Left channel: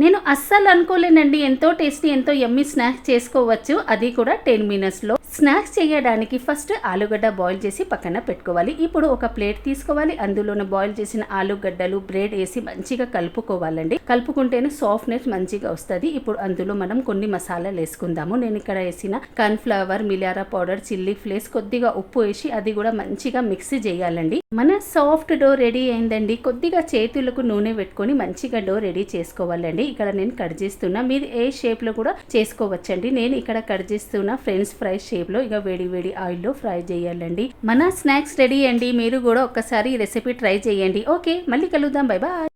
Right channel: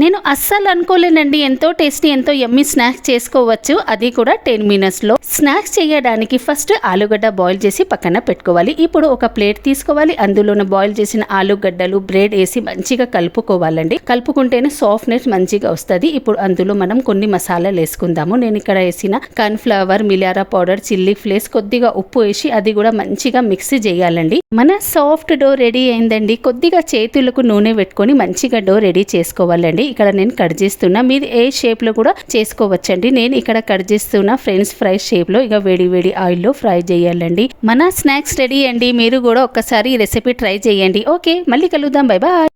నేను అస్సలు అనుకోలేనండి, ఎంతో టేస్టీ ఎంతో యమ్మీ స్నాక్స్ చేసుకోవచ్చు, అది కూడా 10 మినిట్స్లో. స్నాక్స్ చేయడానికి ఫస్ట్ ఆలుగడ్డ బాయిల్ చేసి పక్కన పెట్టుకోవాలి. ఇప్పుడు ఒక ప్లేట్ తీసుకోవాలి, అందులోనే బాయిల్ చేసిన ఆలుగడ్డలు బ్రెడ్ వేసి మంచిగా కలుపుకోవాలండి. కలుపుకుంటేనే సాఫ్ట్నెస్ మంచిగా వస్తుంది. ఇప్పుడు అందులో మనం కొన్ని మసాలాలు వేసుకుందాము. నేను ఇక్కడ వేసిన కార్న్ఫ్లవర్, మిలారా పౌడర్, చిల్లీ ఫ్లేక్స్, కొద్దిగా ఉప్పు వేసి అది కూడా మంచిగా మిక్సీ చేయాలండి. మన సాఫ్ట్ డో రెడీ అయిందండి. కొద్దిగా చేతులకు నూనె పెట్టుకొని మంచిగా డో రెడీ చేసుకోవాలండి. ఇక్కడ నేను కట్ చేస్తున్నా, మీరు ఏ షేప్ లో కూడా చేసుకోవచ్చండి. నేను ఇక్కడ కట్ చేస్తున్నా ఫ్రెంచ్ ఫ్రై షేప్ లో. ఇక వేడి వేడి ఆయిల్ లో ఫ్రై చేయాలండి. మన స్నాక్స్ రెడీ అండి. మీరు కూడా ఒక్కసారి ఈ రెసిపీ ట్రై చేయండి. ఓకే, మళ్ళీ కలుద్దాం. Bye bye.